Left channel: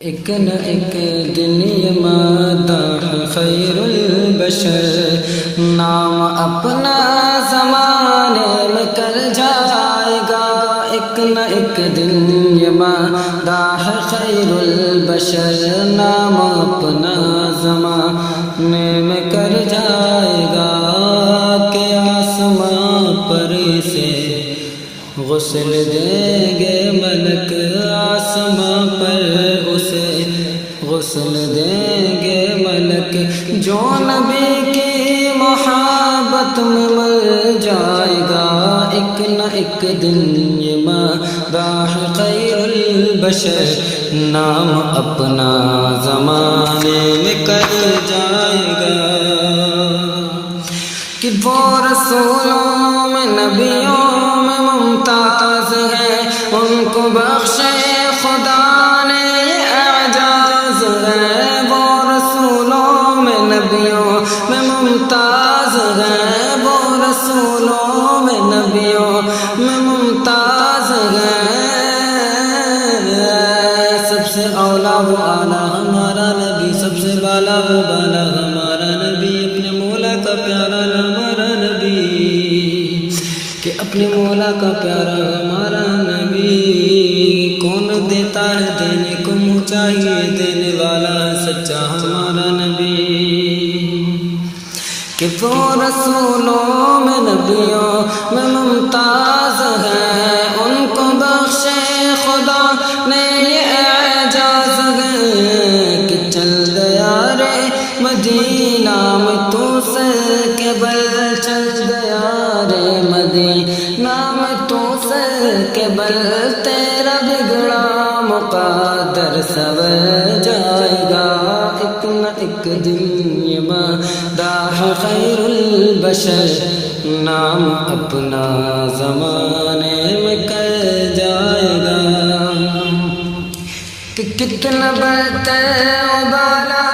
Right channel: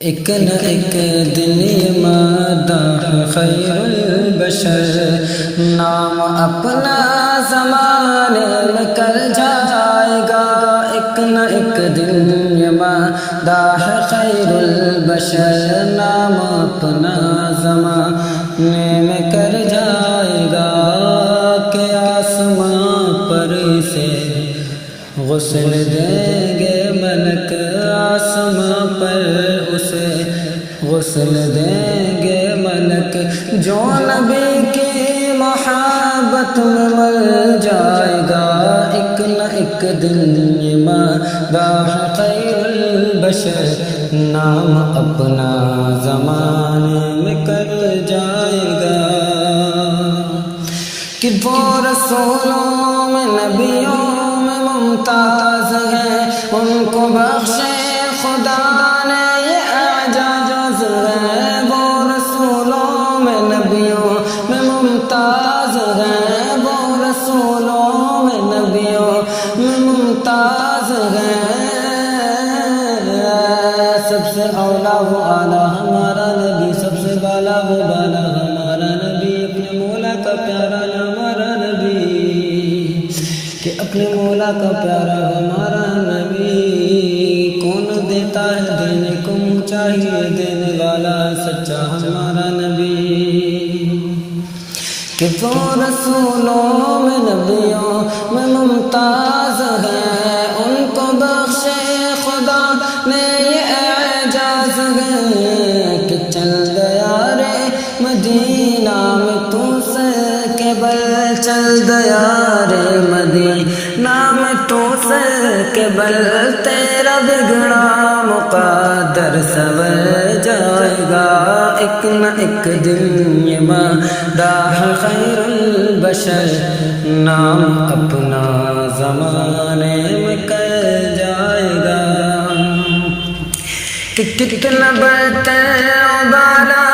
ایک نہ ایک دن یہ مادہ خیر البشر نام اپنا زمانے میں کر جائے گا۔ ایک نہ ایک دن یہ مادہ خیر البشر نام اپنا زمانے میں کر جائے گا کہ آسمان پر سے غسل دیں گے ملک، آسمان پر اسے غسل دیں گے ملک، جو نبی کی محبت میں مر جائے گا۔ ایک نہ ایک دن یہ مادہ خیر البشر نام اپنا زمانے میں کر جائے گا کہ وہ رسولوں میں نبیوں میں ممتاز ہے، ان کو بخشے خدا نے یہ اعجاز ہے۔ وہ رسولوں میں نبیوں میں ممتاز ہے، وہ رسولوں میں نبیوں میں ممتاز ہے۔ سب سے اولا و اعلیٰ ہمارا نبی، سب سے بالا و بالا ہمارا نبی، اپنے مولا کا پیارا ہمارا نبی، کہ اپنے مولا کا پیارا ہمارا نبی۔ کون دیتا ہے دینے کو منہ چاہیے، دینے والا ہے سچا ہمارا نبی، کہ وہ رسولوں میں نبیوں میں ممتاز ہے، ان کو بخشے خدا نے یہ اعجاز ہے کہ چل دیا رے مدینہ میں تو سر کے بل، چل دیا رے مدینہ میں تو سر کے بل، تیرا بگڑا مقدر سنور جائے گا۔ ایک نہ ایک دن یہ مادہ خیر البشر نام اپنا زمانے میں کر جائے گا کہ کتنا برتر ابالا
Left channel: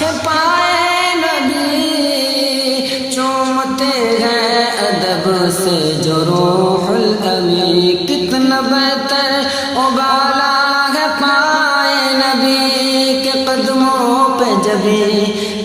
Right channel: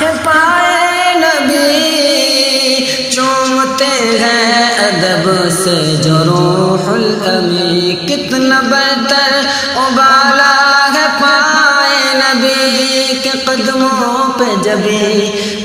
ہے پائے نبی، چومتے ہیں ادب سے جو روح الامی، کتنا برتر ابالا ہے پائے نبی کے قدموں پہ جبھی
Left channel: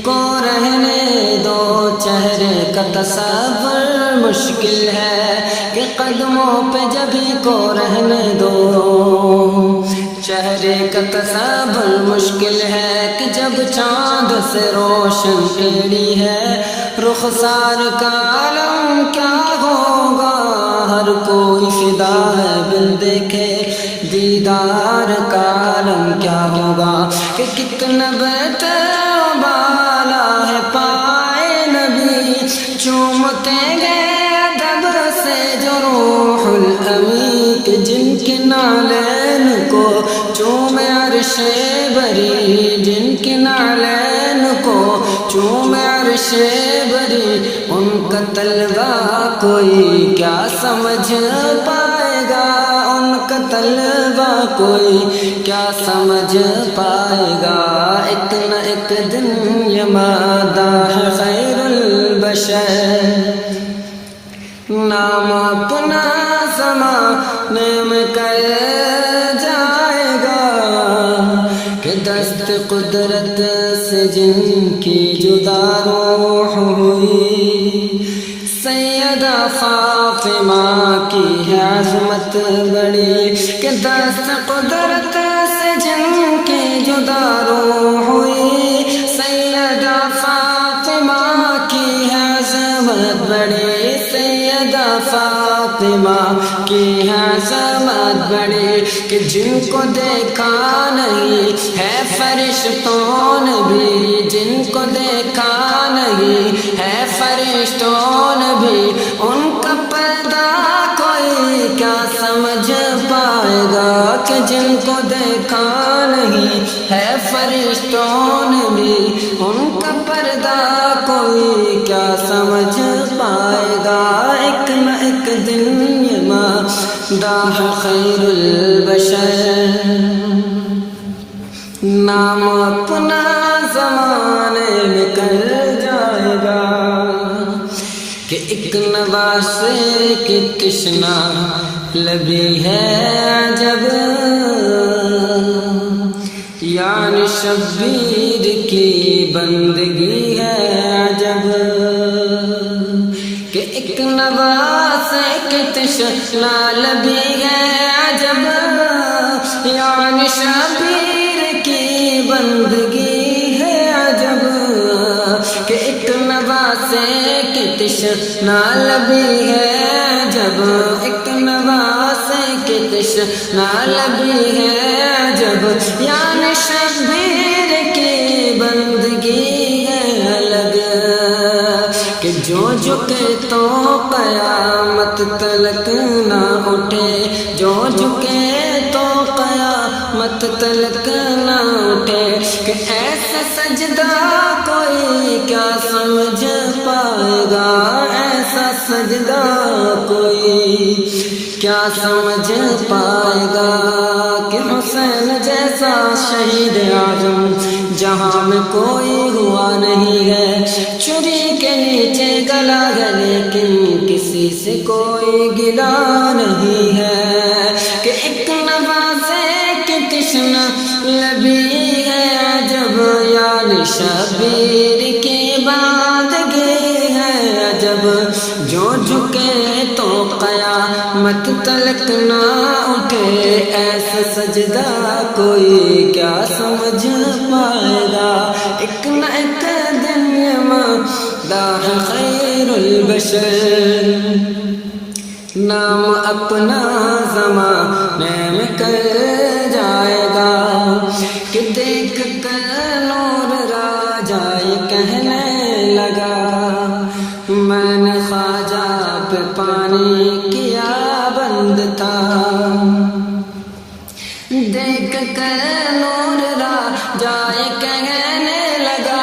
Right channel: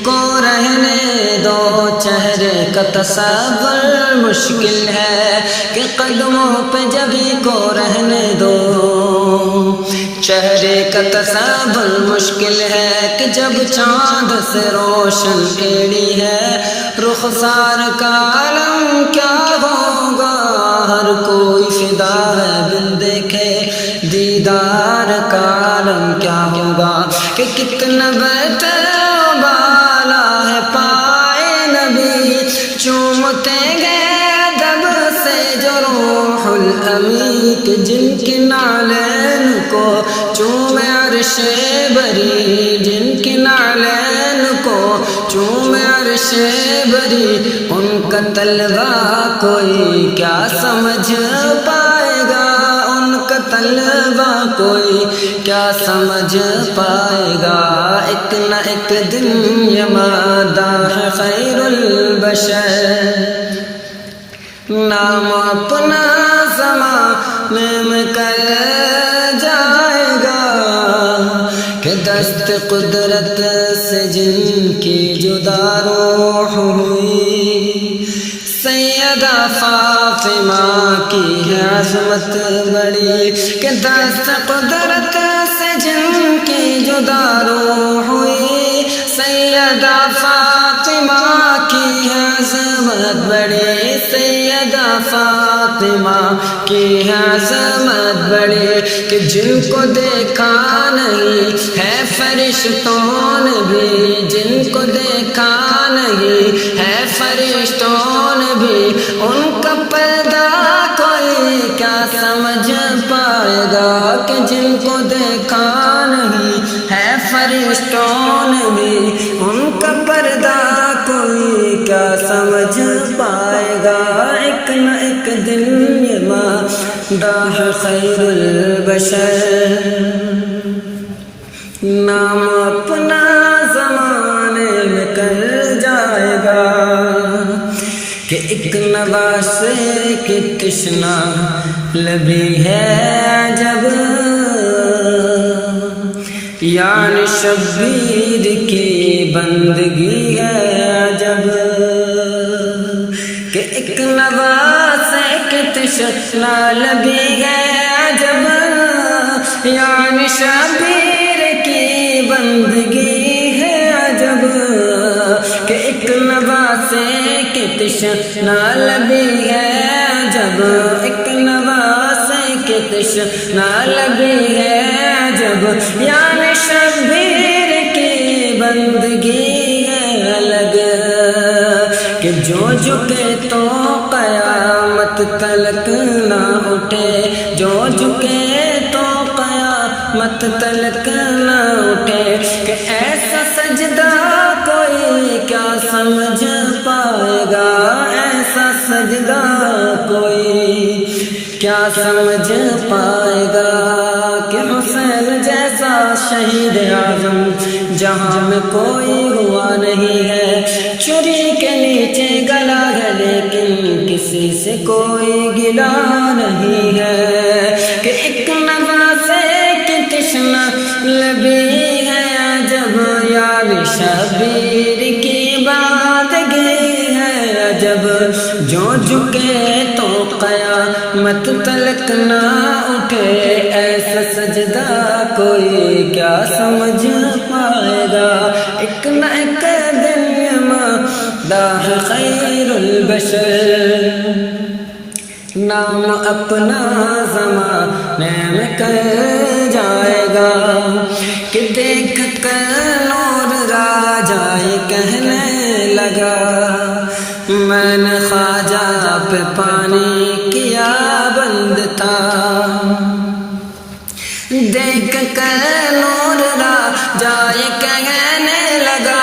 کو رہنے دو، چہرے کا تصور مشکل ہے کہ قدموں پہ جبھی کو رہنے دو، چہرے کا تصور مشکل ہے کہ جب چاند سے روشن ایڑی ہے، رخسار کا عالم کیا ہوگا، ہر کوئی فدا ہے بن دیکھے دیدار کا عالم کیا ہوگا، کہ کتنا بہتر بالا ہے پائے نبی، چومتے گئے ادب سے جو روح الامی، کہ جن کے نالین کو چومے عرش بری، جن کے نالین کو چومے عرش بری، ان کا طلبہ کوئی کیا سمجھ پائے گا، ان کا طلبہ کوئی کیا سمجھ پائے گا۔ ایک نہ ایک دن یہ مادہ خیر البشر نام اپنا زمانے میں کر جائے گا کہ دست قدرت سے جن کی جدا روح ہوئی، سیدہ فاطمہ کی ہے عظمت بڑی، کہ دست قدرت سے جن کی جدا روح ہوئی، سیدہ فاطمہ کی ہے عظمت بڑی، سیدہ فاطمہ کی ہے عظمت بڑی، کہ جن کو دیکھا نہیں ہے فرشتوں نے بھی، جن کو دیکھا نہیں ہے فرشتوں نے بھی، ان کا پردہ کوئی کیا سمجھ پائے گا، کہ جن کو دیکھا نہیں ہے فرشتوں نے بھی، ان کا پردہ کوئی کیا سمجھ پائے گا۔ ایک نہ ایک دن یہ مادہ خیر البشر نام اپنا زمانے میں کر جائے گا کہ ایک نواسے کی تشنا لبی ہے جب یعنی شبیر کی بندگی ہے عجب کہ ایک نواز ایک تشنا لبی ہے عجب یعنی شبیر کی بندگی ہے عجب کہ ایک نواز ایک تشنا لبی ہے عجب ایک نواز ایک تشنا لبی ہے عجب یعنی شبیر کی بندگی ہے الگ کہ جو جھکے تو قیامت تلک نہ اٹھے جو جھکے تو قیامت تلک نہ اٹھے کہ ایسا سجدہ کوئی کیا سمجھ پائے گا ایسا سجدہ کوئی کیا سمجھ پائے گا کہ حسین جیسا شہید اعظم جہاں میں کوئی ہوا نہیں ہے چھری کے نیچے گلا ہے لیکن کسی سے کوئی گلا نہیں ہے کہ ایک نواز ایک تشنا لبی ہے عجب یعنی شبیر کی بندگی ہے عجب جو جھکے تو قیامت تلک نہ اٹھے ایسا سجدہ کوئی کیا سمجھ پائے گا ایک نہ ایک دن مداح خیر البشر نام اپنا زمانے میں کر جائے گا کہ دیکھ کر نور راجہ یہ کہنے لگا میں نے خواجہ پہ پانی کیا بند تھا دیکھ کر نور راجہ یہ کہنے لگا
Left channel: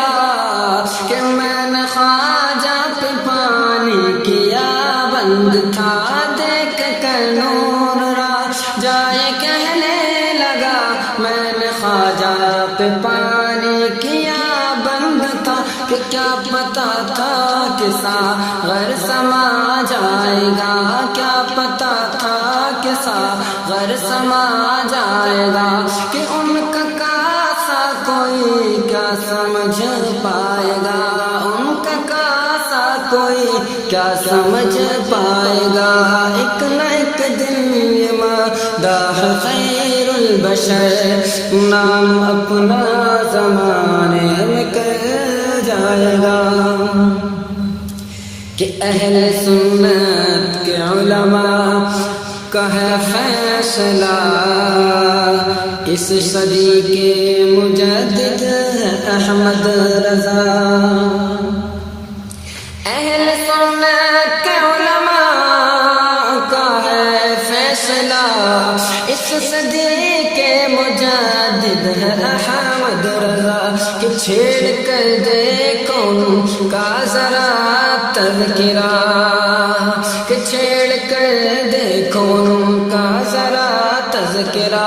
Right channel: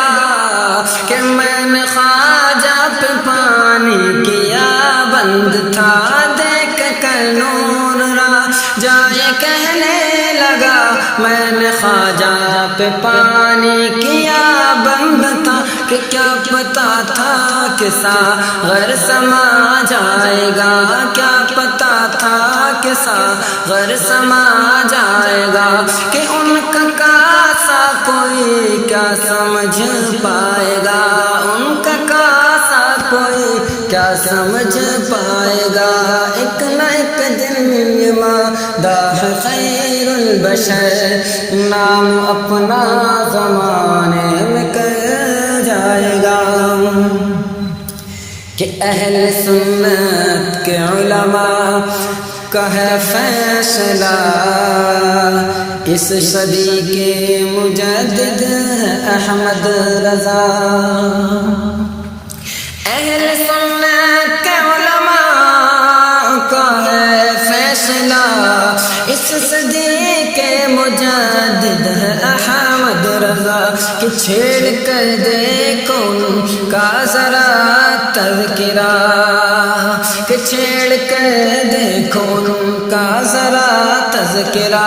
کہ میں نے خواجہ پہ پانی کیا بند تھا دیکھ کر نور راجہ یہ کہنے لگا میں نے خواجہ پہ پانی کیا بند تھا کہ کیا پتا تھا کہ ساغر سما جائے گا کیا پتا تھا کہ ساغر سما جائے گا کہ ان کا کاسا کوئی کیا سمجھ پائے گا ان کا کاسا کوئی کیا سمجھ پائے گا ایک نہ ایک دن یہ مداح خیر البشر نام اپنا زمانے میں کر جائے گا کہ اہل سنت کے علماء کا ہے فیصلہ اس صدی کے مجدد ہے احمد رضا اہل سنت کے علماء کا ہے فیصلہ اس صدی کے مجدد ہے احمد رضا کہ چھیڑ کر دیکھو ان کا ذرا تذکرہ کہ چھیڑ کر دیکھو ان کا ذرا تذکرہ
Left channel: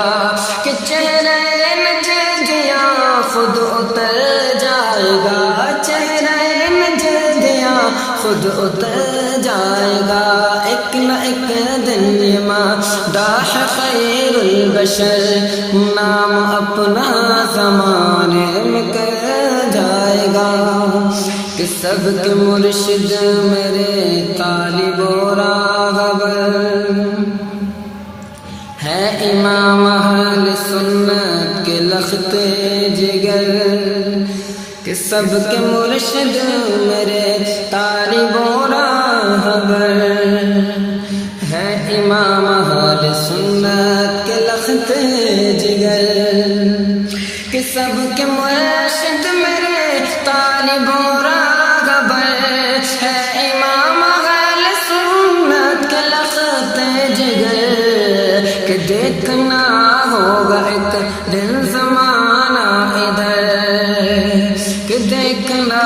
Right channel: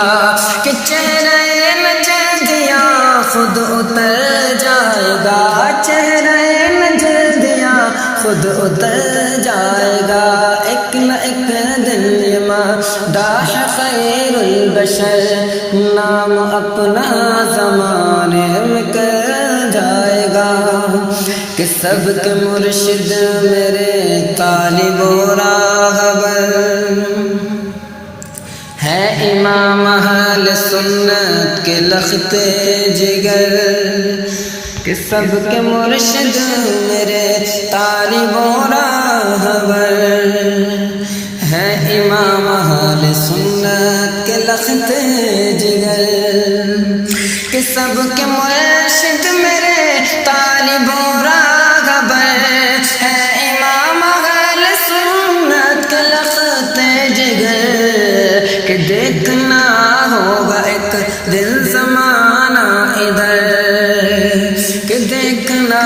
کہ چہرے نجدیاں خود اتر جائے گا چہرے نجدیاں خود اتر جائے گا ایک نہ ایک دن یہ مداح خیر البشر نام اپنا زمانے میں کر جائے گا کہ سب کے مرشد میرے طالب و راغبر ہے امام اہل سنت کے لخت جگر کہ سب کے مرشد میرے طالب و راہبر ہے امام اہل سنت کے لخت جگر کہ سب کے مرشد میرے طالب و راہبر ہے امام اہل سنت کے لخت جگر کہ دیکھنا ہوگا ایک دن زمانہ ادھر کہ دیکھنا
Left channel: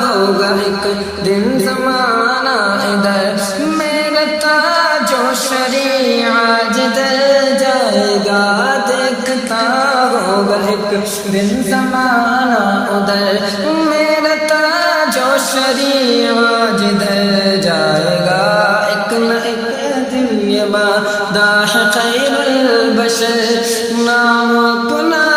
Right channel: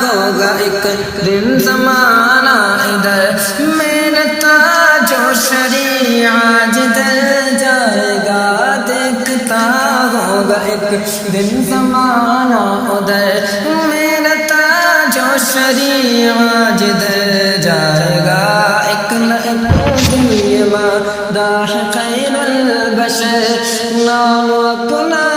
ہوگا ایک دن زمانہ ادھر میرا تاج و شریعہ جدھر جائے گا دیکھتا ہوگا ایک دن زمانہ ادھر میرا تاج و شریعہ جدھر جائے گا ایک نہ ایک دن یہ مداح خیر البشر نام اپنا